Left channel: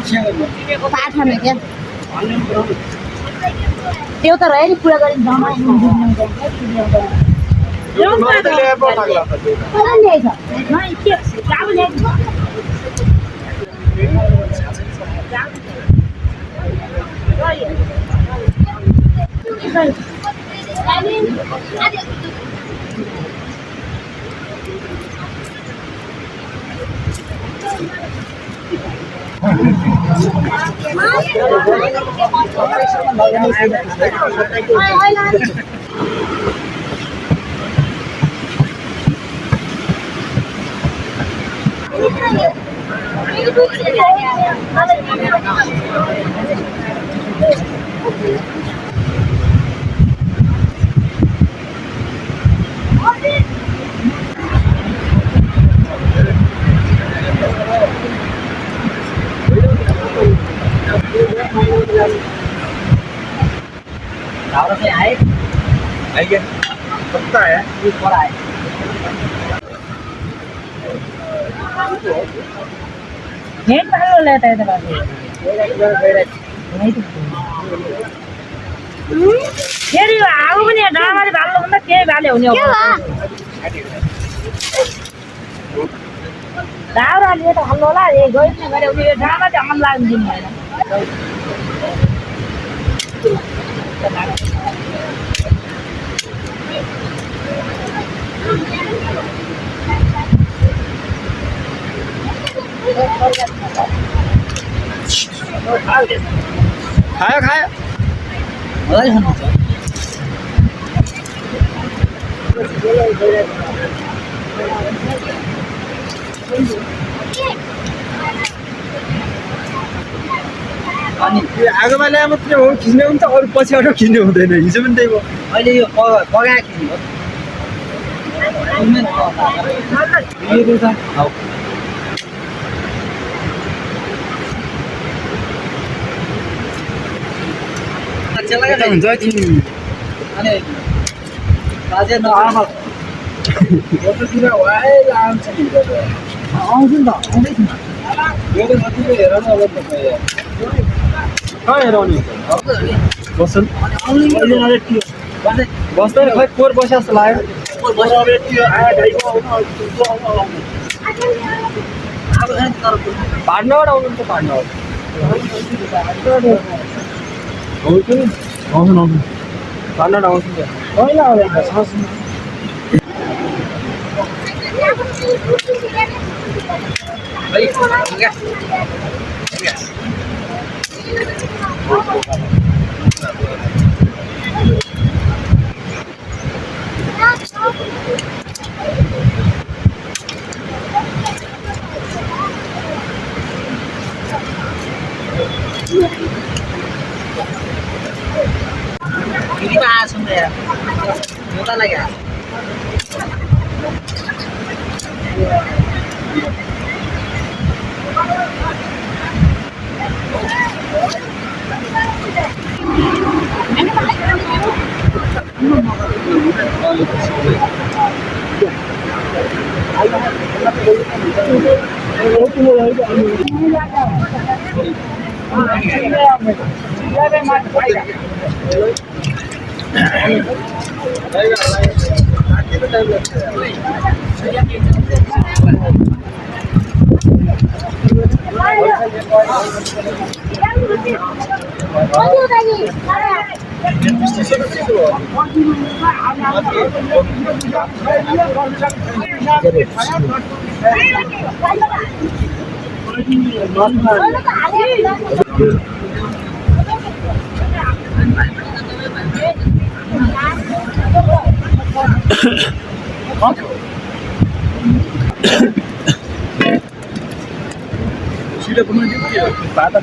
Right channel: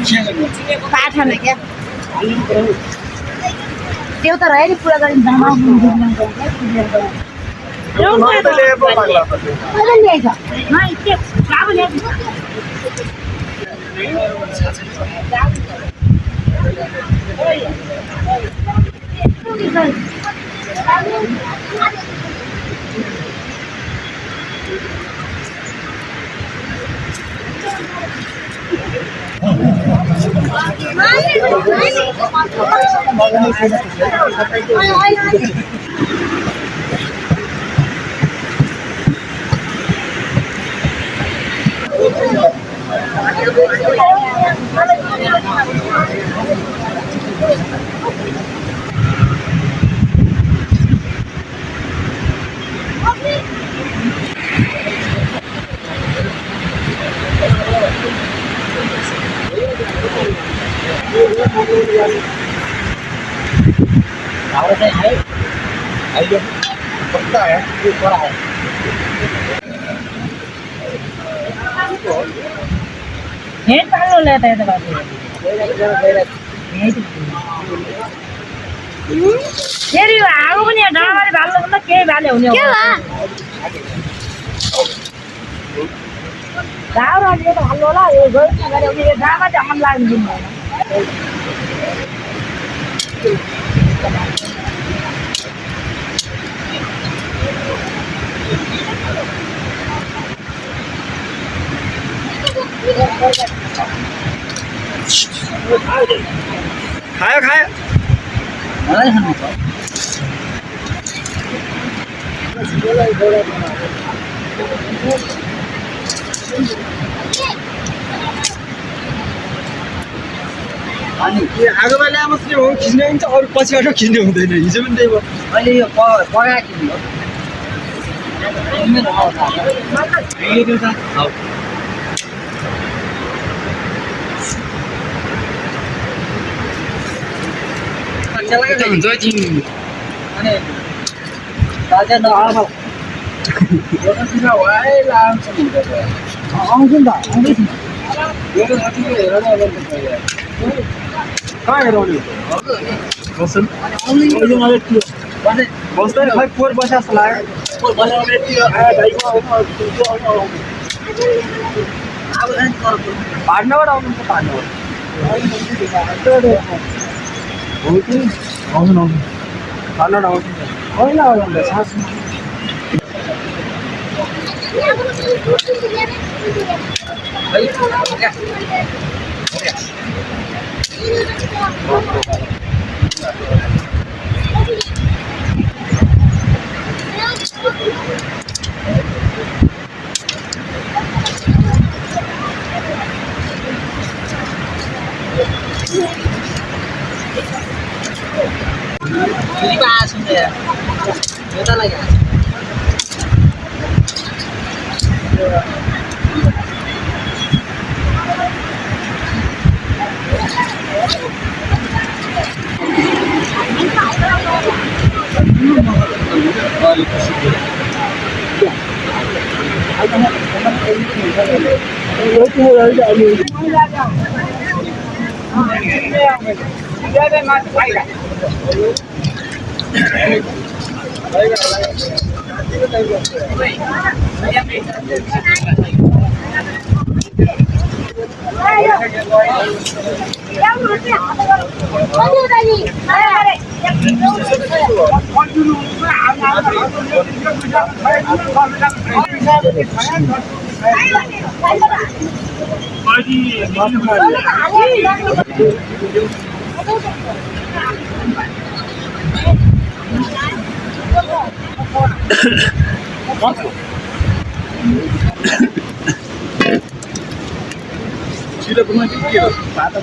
पाठामा क्या त्यो त रह्यो नि पुरा गरिन्छ कब का है? हेड पालो लेता है तो बात है फेरि आगो पनि डाँडामाथि भाल्नु भन्दा केही भाले हुने हो दाउराले त हाल्नु होला ए गयो नि गरे उनी डाँडामाथि अमन लाग्नु दिनु भएन खाया खाया अनि आगोमा ल्याए मात्रै हो खिच्ने हुन्छ अरू पछिबाट खिच्ने हुँदैन हिजो पनि त्यही भयो अहिले यो बगा किन्नु हो हुन्छ अनि बाजे नआमा फोटोतिर है लान्छ आउँछु नि त आउँदैछु मेरो साथीले हेर न अब कहाँ हेराउने बस्छन् बस्दैन खै कोर बस्या जस्तो लाग्यो भाड्नबाट आउनुहुन्छ भाड्नबाट आउँछु भाड्नबाट आउँछु कहिले आउँदा सास फेरि पो आएको छौँ यार यो त लागि आएको सिधै बनाइदियो के हो भात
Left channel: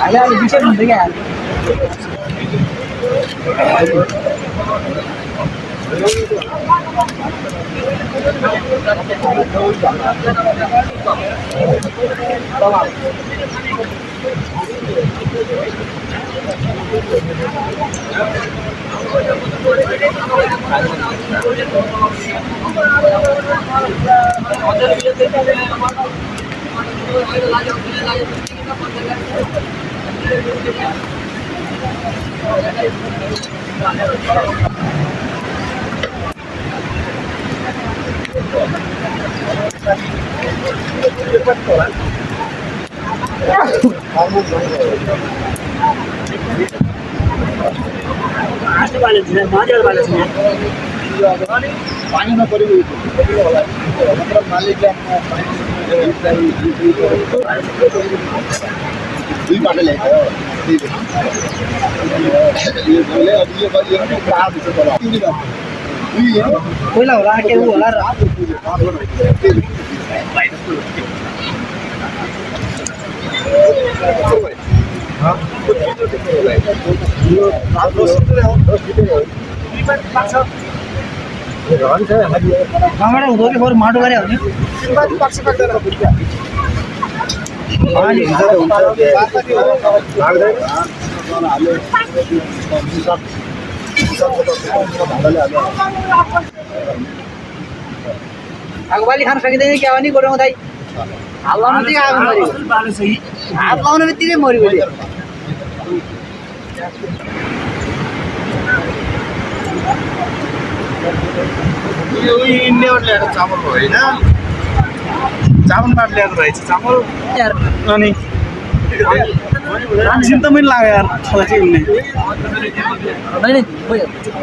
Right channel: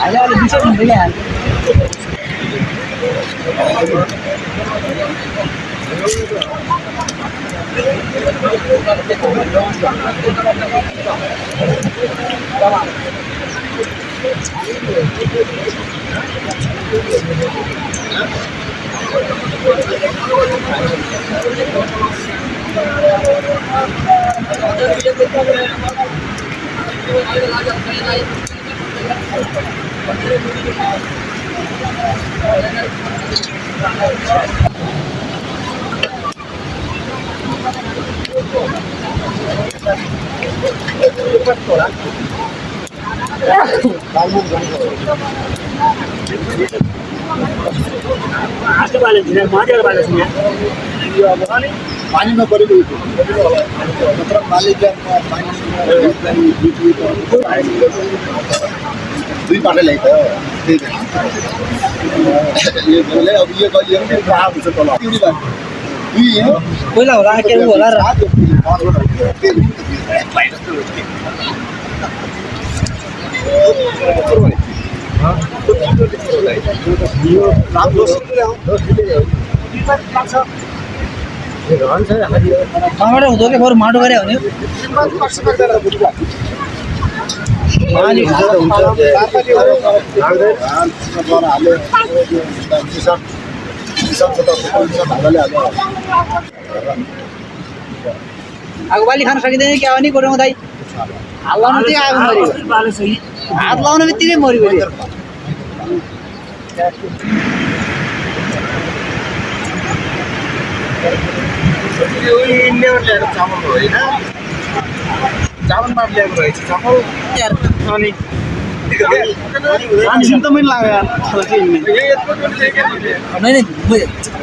अहिले विशेष हुन्छ क्या Hello. पानीमा परिरहेको होला मालिक दुई बाटो ल्याएको त्यही यो बोले अब यो गरियो भने आएको छ तल दुई पहिला होला के होला र कहाँबाट हुँदो कि बरु माटो गरे हुने आगोबाली खान सकिँदैन क्या हो नि गोरु दाइ हात लाउनु बित्तिकै आगो मऱ्यो हात लाउनु बित्तिकै मऱ्यो यो इन्डियाबाट ल्याएको चामल हो होइन चामलबाट ल्याएको रहेछ चामल अनि चिन्ता पनि लाग्यो यार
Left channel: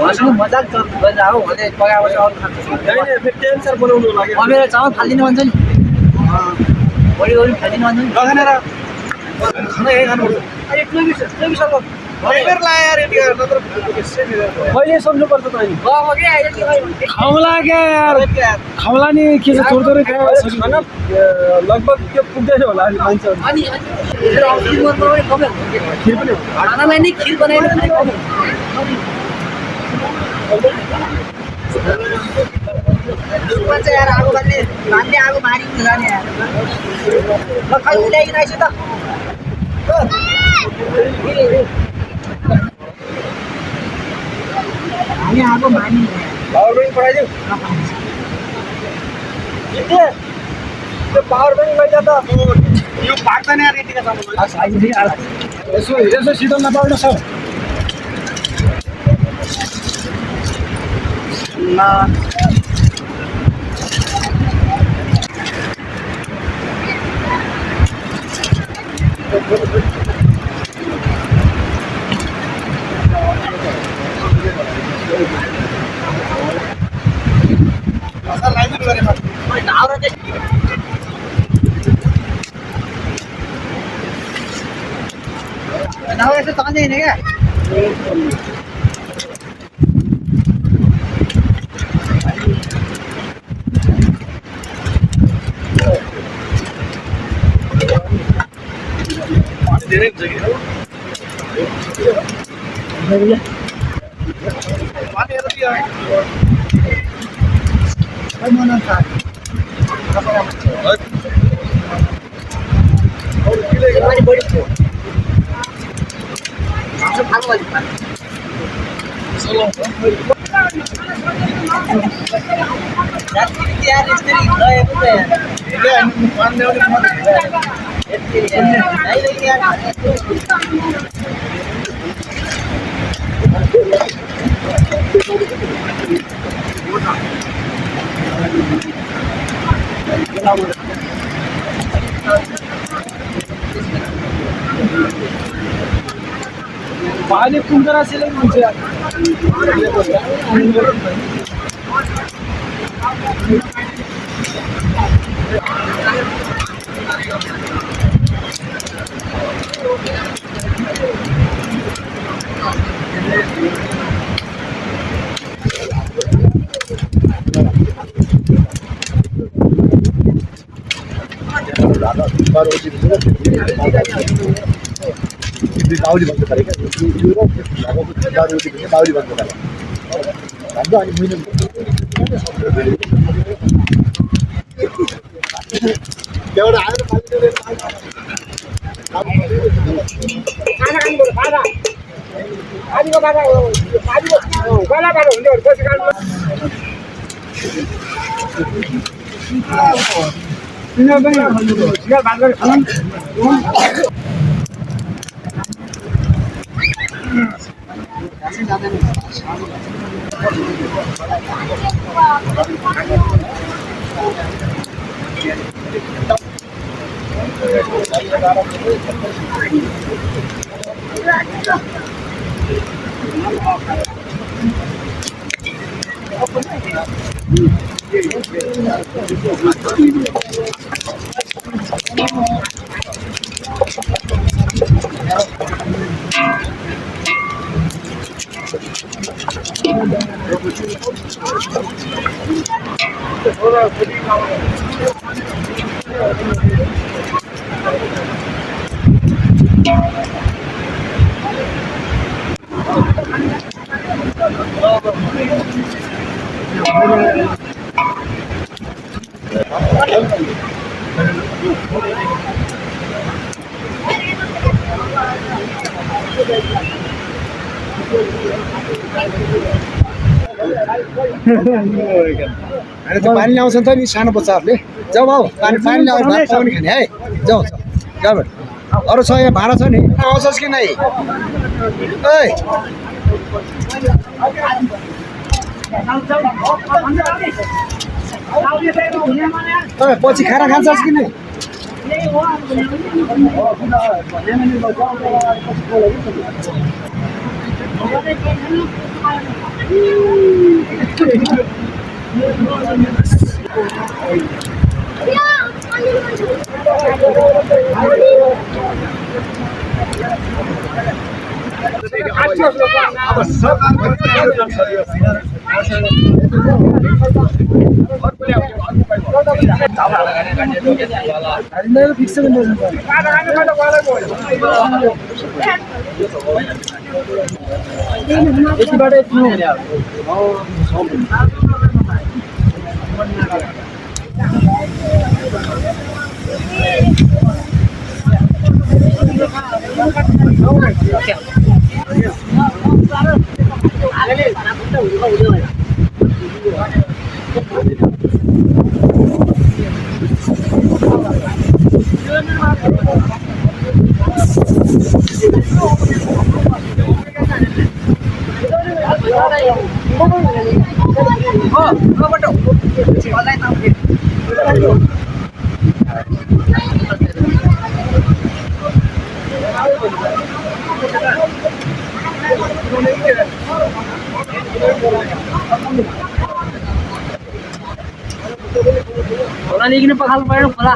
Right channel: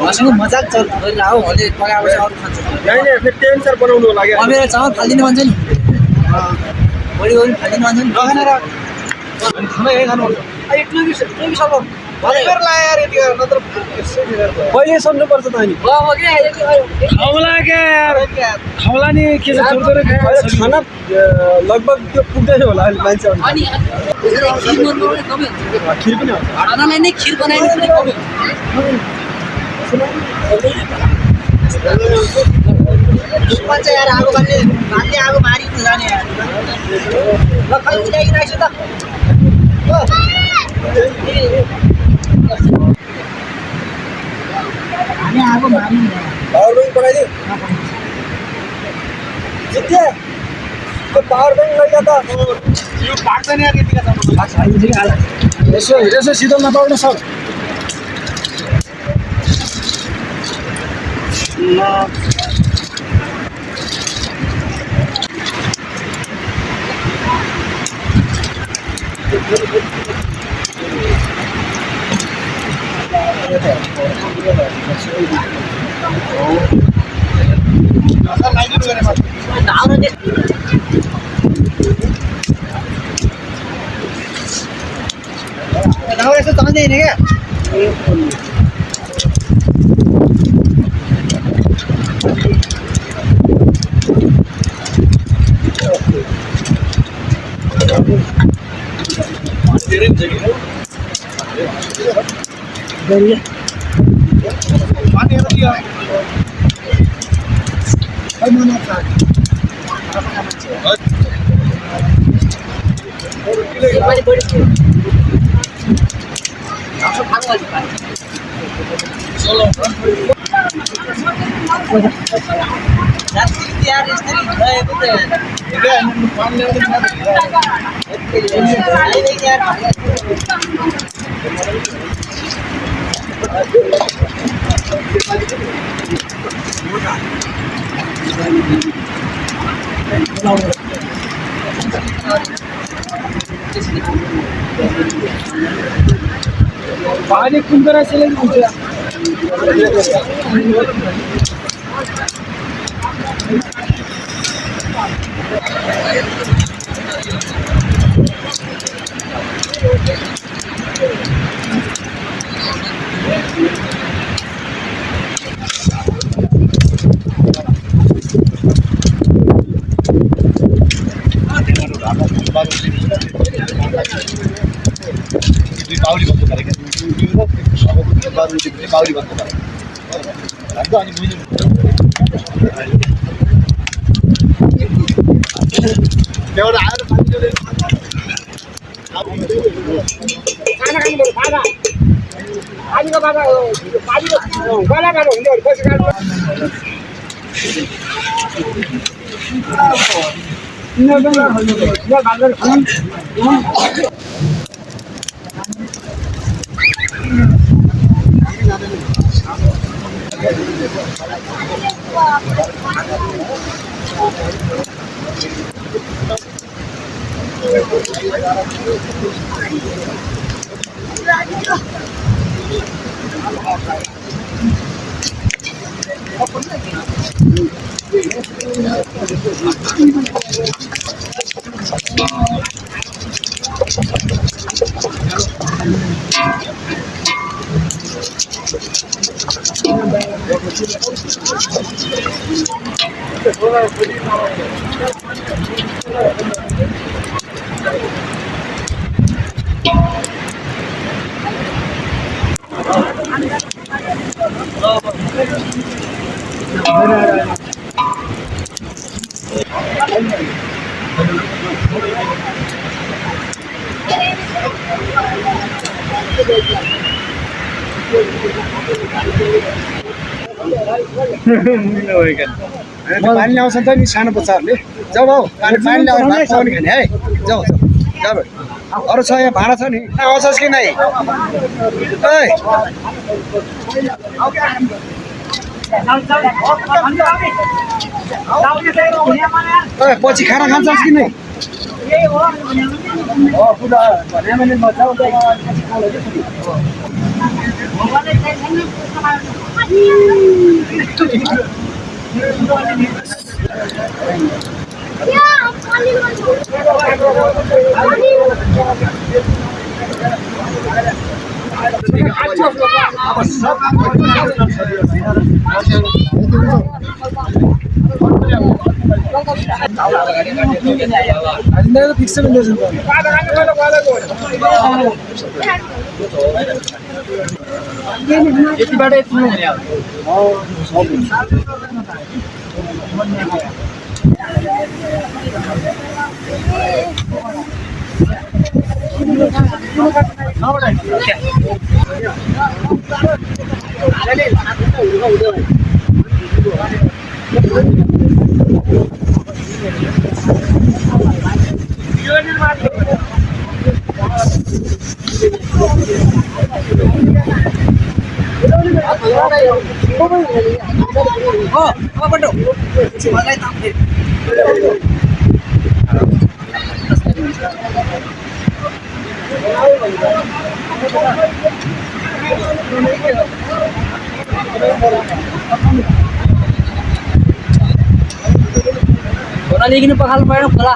उनीसँग मजाक गरेर आऊ मैले पकाएपछि अरू खान्छु बनाउनु लाग्यो मेरो चामल फालिदिनु भन्छ नि बढी गरी फालिदिनु भन्छ नि नखानेर खाना यही खानुपर्छ पहिले सम्झनुपर्छ त अनि खाउला खाउला नि के छ छोड्दै खाना लगभग त्यो पुग्दैन होला अहिले मान्छेहरू खिर पनि खानालाई नै खिर बनाएर पनि कमै हुन्छ यार आगो बाल्ने आगो मारिनु जाने यार ल खै ल्याइकन आइसु त हामी आगो मारिनु पावर ब्याङ्क पठाइदिउ जित्यो त्यो पावर ब्याङ्क लैजा त यो पाक्दैन यार यतिका चामल यसो सिधो नपाउनु सर न सर लाइदिनु गरे म ढाउरो चाहिँ ढाउरो यस्तो चल्दैन क्या धेरै हुन्छ कि पानी हेर दियो मन पानी बढी थियो हाम्रो खानु अलिक पानी यार यसरी रहेको त पानी ल्याउने पानी कुन तरह से लेंगे मुझे बाउली बन्द गरे क्या बाउली बन्द गरे अनि पानी ल्याउँछ नि त नि सानो बच्चाहरूले जाऊ भाउ पानी ल्याएर भात पाउने खाने है जाऊ जाऊ जाऊ अरू छ यहाँ भाँडा छ नि आउँछस् कि नै पछि खाना खान्छस् कि नै खोला लेकिन पखाल परेन खोला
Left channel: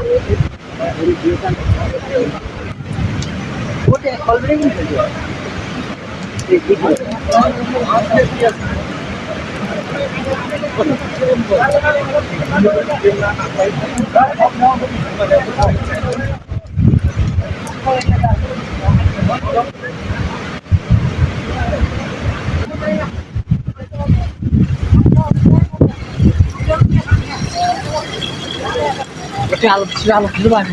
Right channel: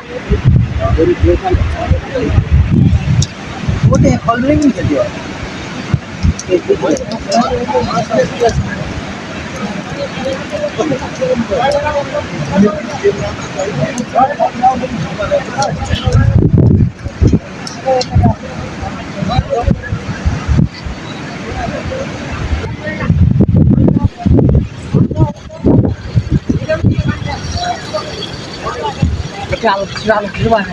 sudah keluar.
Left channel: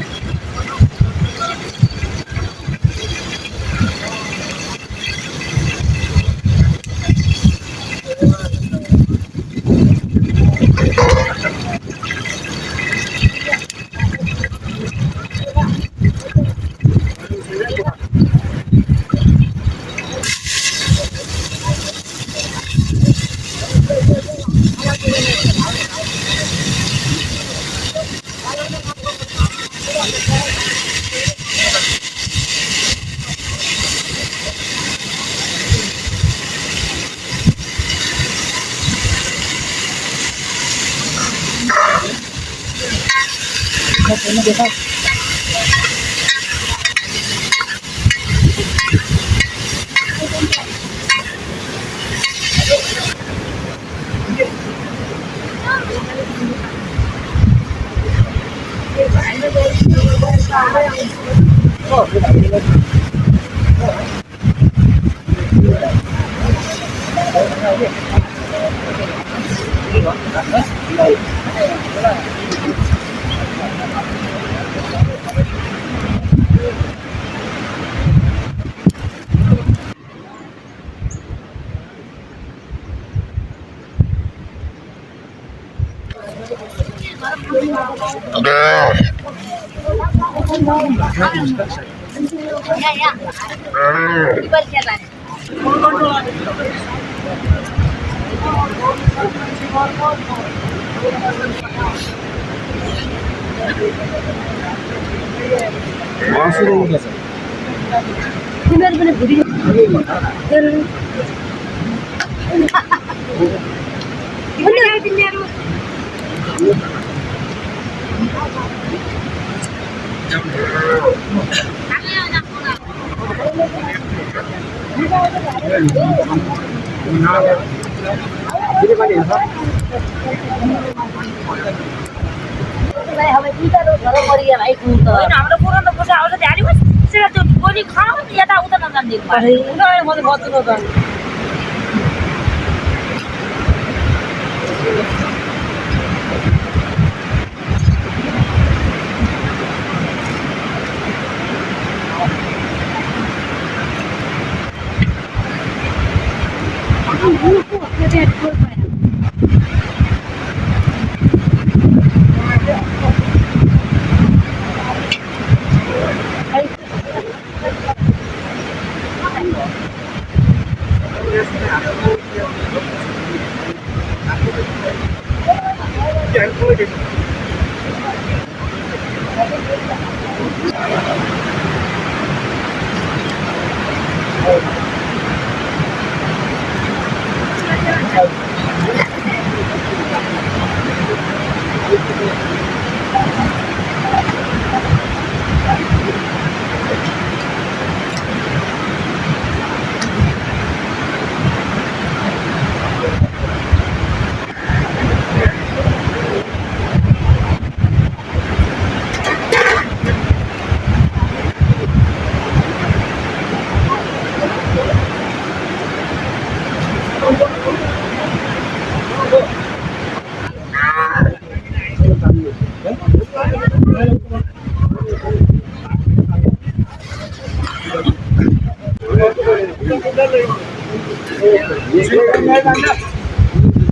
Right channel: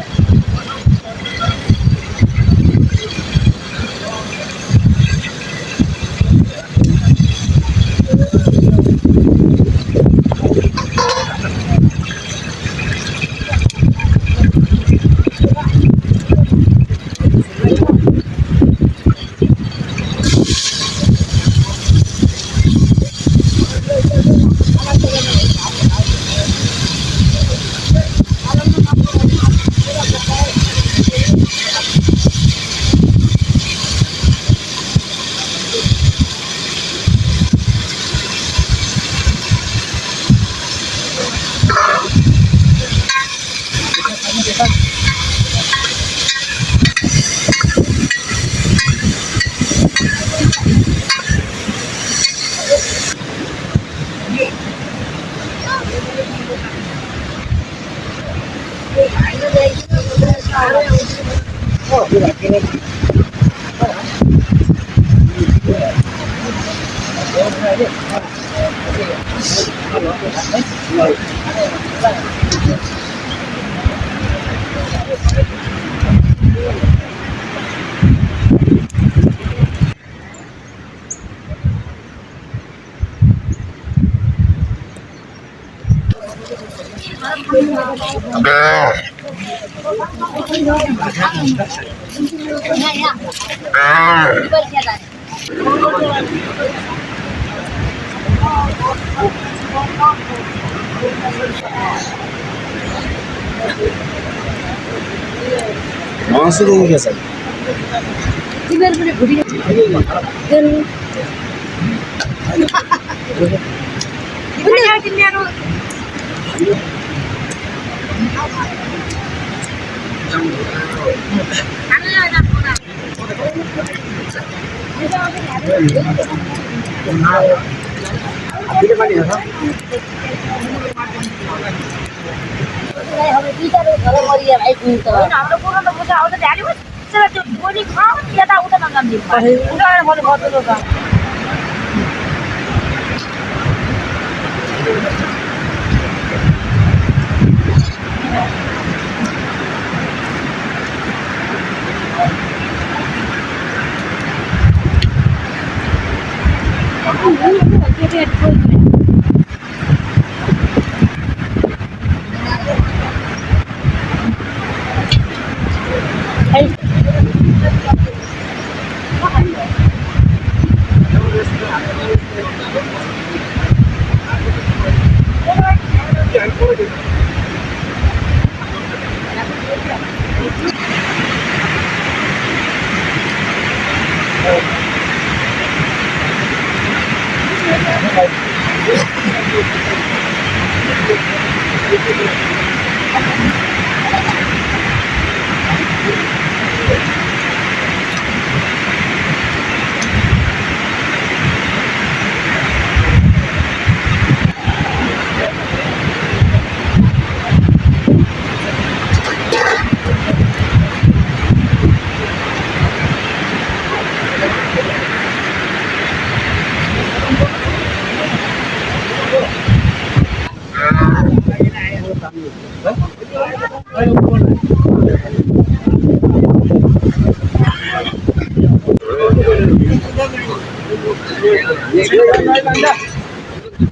मासुदेखि के छ तिमीहरू पनि भुटी तिमीहरू हाम्रो पुरानो पुजा आउँछ ध्यान बसेर त्यो गोली खाऊ यताउता नजान्दिनु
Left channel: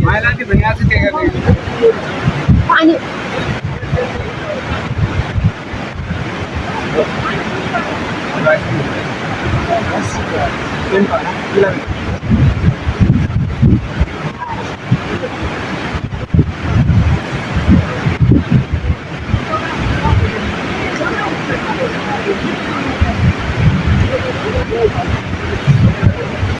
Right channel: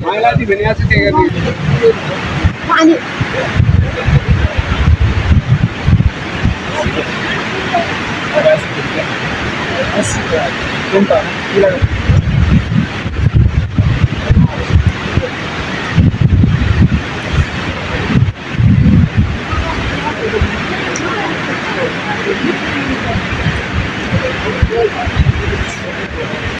माइलाटी भने आज के गर्ने पानी Thank you.